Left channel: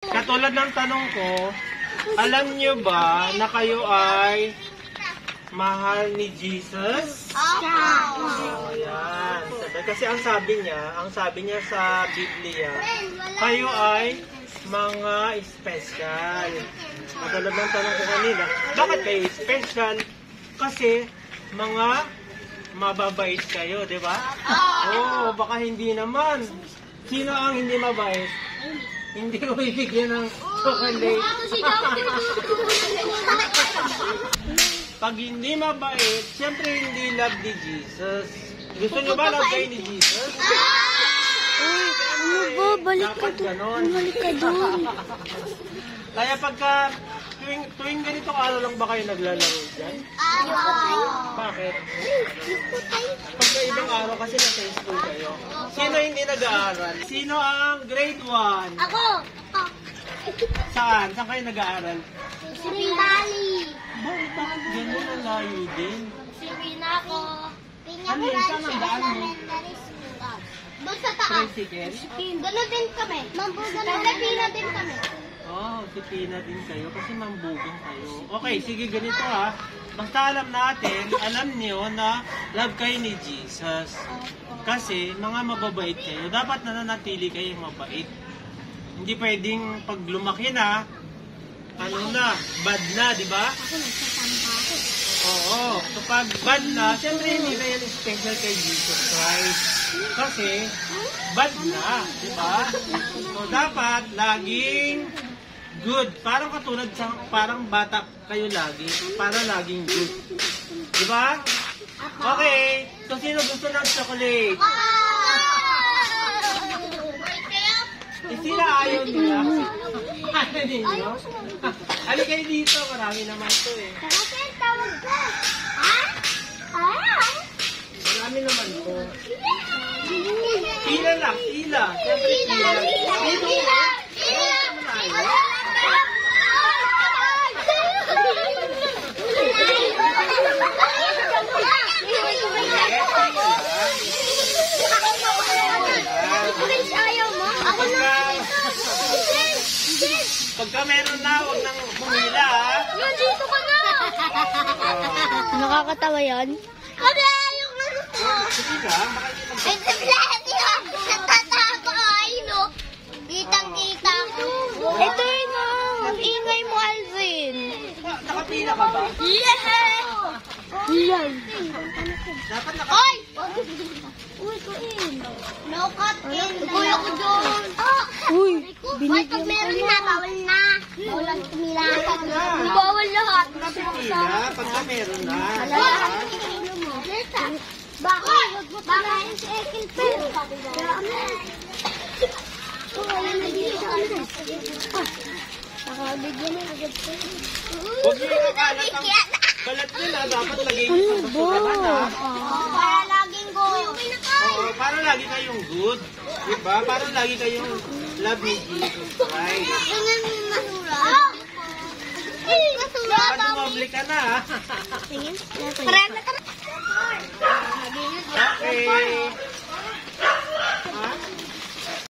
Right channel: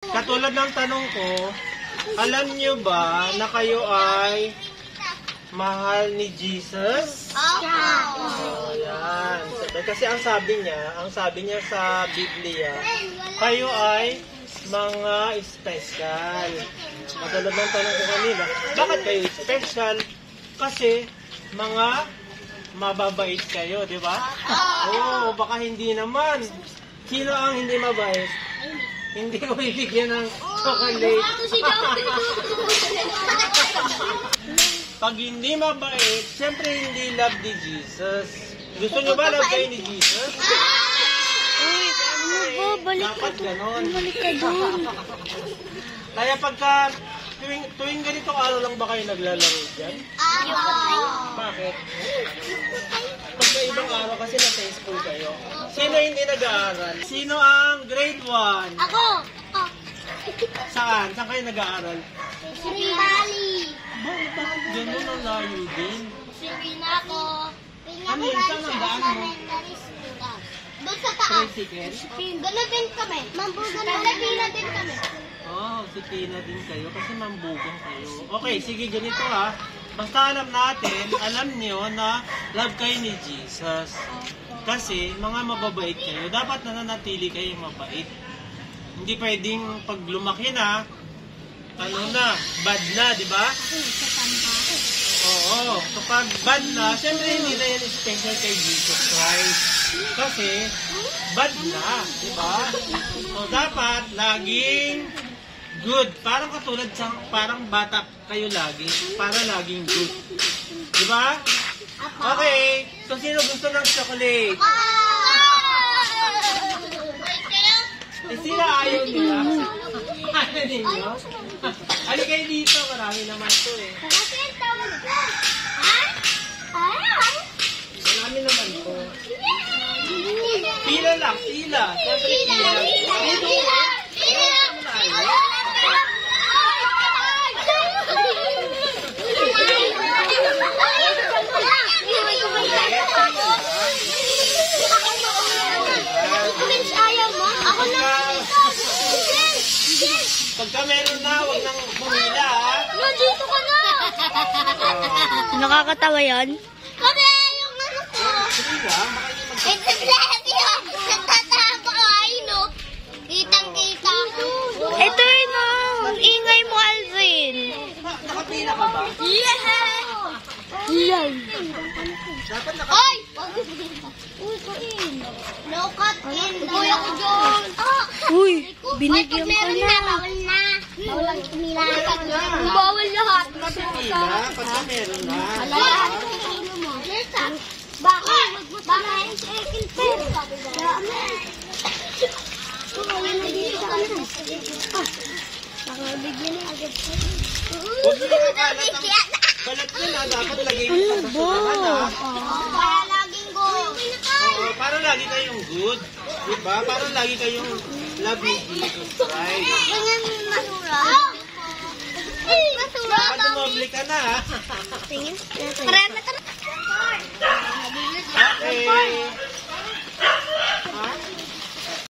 Katulad ng tanong ko, alam niyo ba na kayo ay mahal ni Jesus? Oh, yan. Kasi ang sabi niya sa Biblia, kayo ay mga special. Katulad ng tanong ko kanina, bakit kayo special? Kasi mga mababait kayo, di ba? Oo, baka hindi naman. Sino ang hindi mabait? Hindi ko bibigyan ng chocolate. Pag hindi mabait, siyempre hindi love ni Jesus. Gusto nyo ba love kayo ni Jesus? Dapat ganon. Kaya pagka tuwing ganitong araw lang ba kayo naglalaro dyan? Bakit? Pagka ibang araw kasi nasa school kayo. Sino hindi nag-aaral? Sino ang grade 1? Ako! Saan? Saan kayo nag-aaral? Si Pinali! Bakit ganun ang layo din? Si Pinako! Ano yun? Saan ang daan mo? Doon sa taas. Tricycle? Gano'n din kami. Mambugan na Pina din kami. Oh, si Tina din kayo kasi mambugang kayo. Okay, sige ganito ha. Basta alam niyo na love kayo ni Jesus. Kasi mga mababait kayo. Dapat nananatili kayong mabait. Hindi pwedeng pag lumaki na, bad na, di ba? Oo, kapag bad na, siyempre hindi na yan special kay Jesus Christ. Kasi, bad na, di ba? So, dapat laging good. Parang katulad parang bata kayo lagi, para laging good. Di ba? Okay, so sino gusto ng chocolate? Sila ayaw nila. Ayaw ninyo? Ano kayo dito? Marami naman to eh. Kasi ang tawag ko. Marami naman to. Pila lang, pila. Siyempre pila. Pagka meron na, huwag nang bumila ha. Nandito ka na! Nakakatawa yan? Kasi ayaw na ko. Sige lang, baka hindi It's lahat yun. Natatago ay no. Kitang-kita ko. Ito yun ang ingay mo, Alvin. nakapila ka ba? Yes! Yan. Oy! No cut in. Kuya ko dyan. Uy, Pag binigyan ka meron na. na, bawal na. Bawal tumila. Bawal lahat. Nakapila, pagka meron na. Nesa. Bakit? Bakit? Huwag niyo ikakalat ang balat nila. Dapat lagay ko sa susunod ha. Para laging go. Oo, para lagi kayong good. Diba? Para lagi kayong love ni Jesus Christ. Ganyan masura. Dapat tumabli ka na ha. Okay. Ha?